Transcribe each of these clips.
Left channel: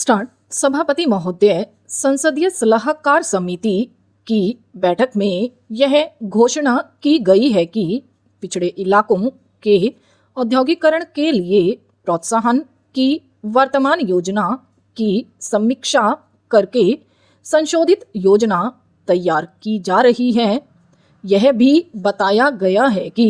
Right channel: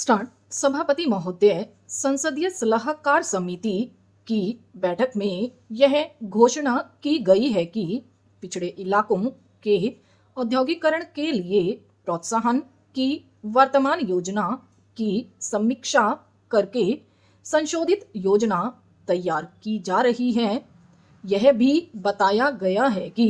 Start. सभापति महोदय, संसदीय सलाहकार समिति की बैठक में यह घोषणा की गई है कि पिछड़े इलाकों के औद्योगिकरण के लिए प्रोत्साहन की वर्तमान योजना की समीक्षा करके संशोधित योजना तैयार की जा रही है। यह भी बताया गया है कि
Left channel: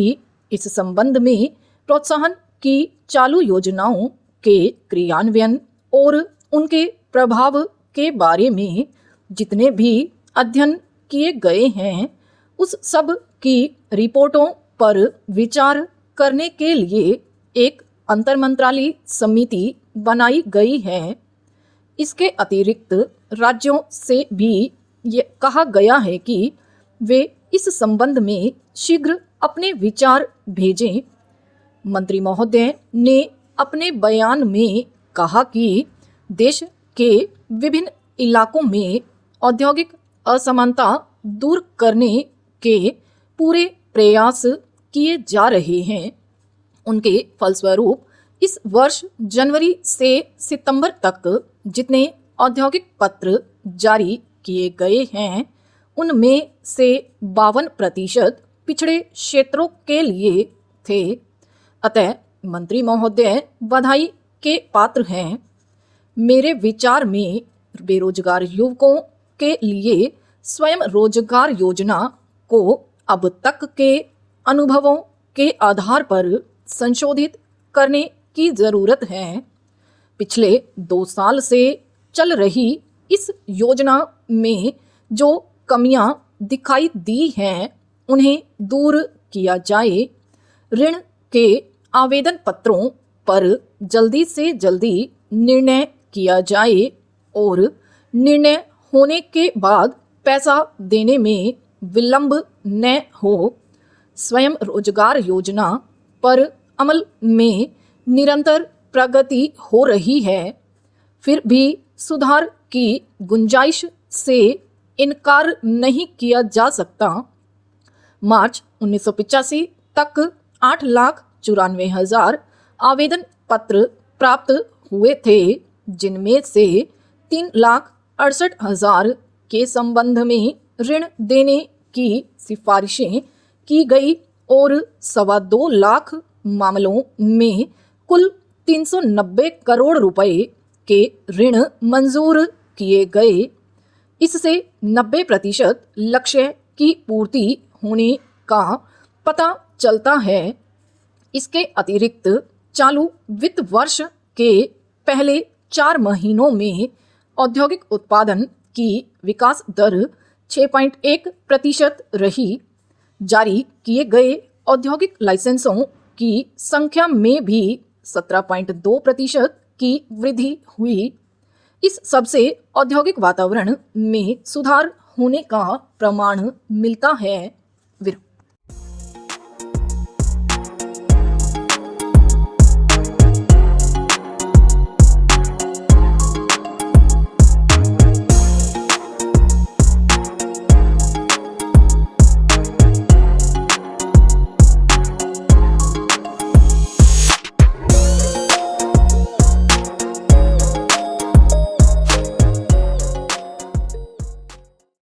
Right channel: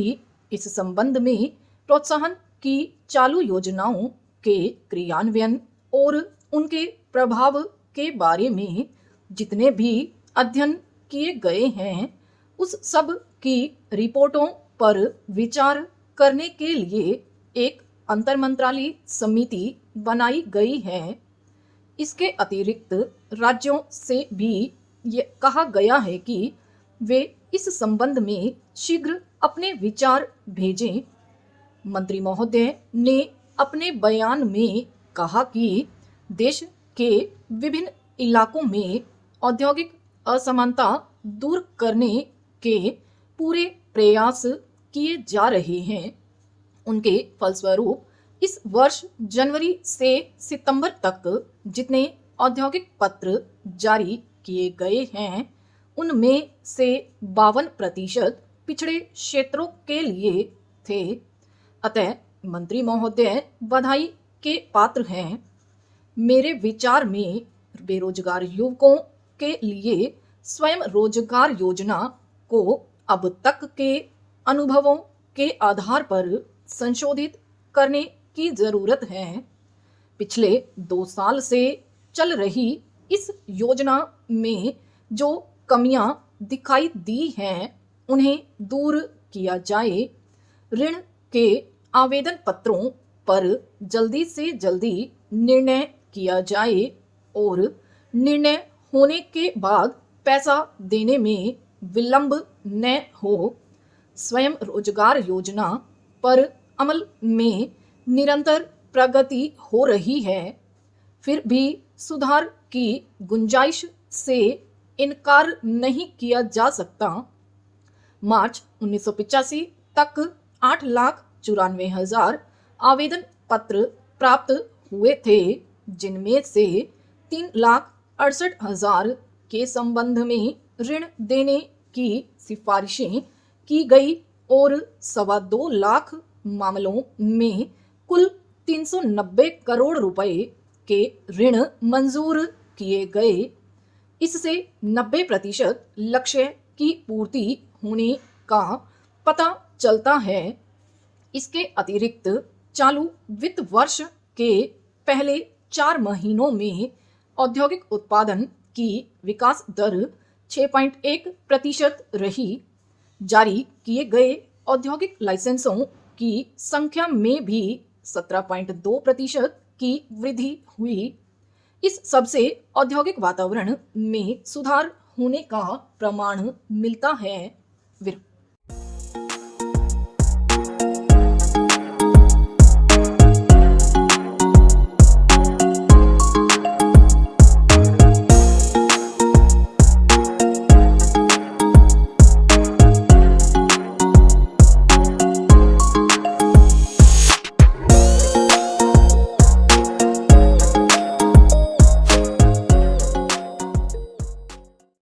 इस संबंध में प्रोत्साहन की चालू योजनाओं के क्रियान्वयन और उनके प्रभाव के बारे में जितने भी अध्ययन किए गए हैं उस सब की रिपोर्टों पर विचार करने के लिए एक अंतरमंत्रालय समिति बनाई गई है। इसके अतिरिक्त राज्यों से भी ये कहा गया है कि वे इस संबंध में शीघ्र अपने विचार भेजें। मंत्री महोदय ने अपने बयान में कहा कि देश के विभिन्न इलाकों में औद्योगिक असमानता दूर करने के पूरे प्रयास किए जा रहे हैं। उनके फलस्वरूप इस वर्ष जनवरी से सितंबर तक जितने औद्योगिक पत्र जारी किए गए हैं उनमें से 52% पिछड़े क्षेत्रों के लिए थे। अतः मंत्री महोदय बधाई के पात्र हैं। मेरे विचार में बेरोजगार युवकों के लिए स्वयं रोजगार योजना को अब तक के अनुभवों के आधार पर संशोधित करने की जरूरत है। पिछले 2 साल से चल रही इस योजना में जो कमियां दिखाई दी हैं उन्हें दूर किया जाए। ऋण के आवेदन पत्रों पर जल्दी से जल्दी निर्णय किया जाए और निर्णय होने के बाद पैसा देने में विलंब न हो। स्वयं रोजगार योजना पर अमल में निरंतर प्रगति हो रही है, फिर भी सुधार की गुंजाइश से इनकार नहीं किया जा सकता। मार्च 1985 तक 8,94,000 आवेदन पत्र प्राप्त हुए थे, जिनमें से 3,68,000 के संबंध में ऋण देने की सिफारिशें की गई और 2.25 लाख मामलों में कुल 390 करोड़ रुपए के ऋण मंजूर किए गए। इससे 90% लक्ष्य की पूर्ति होने का पता चलता है। इसके अतिरिक्त चालू वित्त वर्ष के पहले 4 महीनों में औद्योगिक उत्पादन की विकास दर 6.1% रही। जारी किए गए औद्योगिक लाइसेंसों की संख्या में भी 17.2% की वृद्धि हुई। इस सबसे औद्योगिक वातावरण में सुधार होने का प्रमाण मिलता है।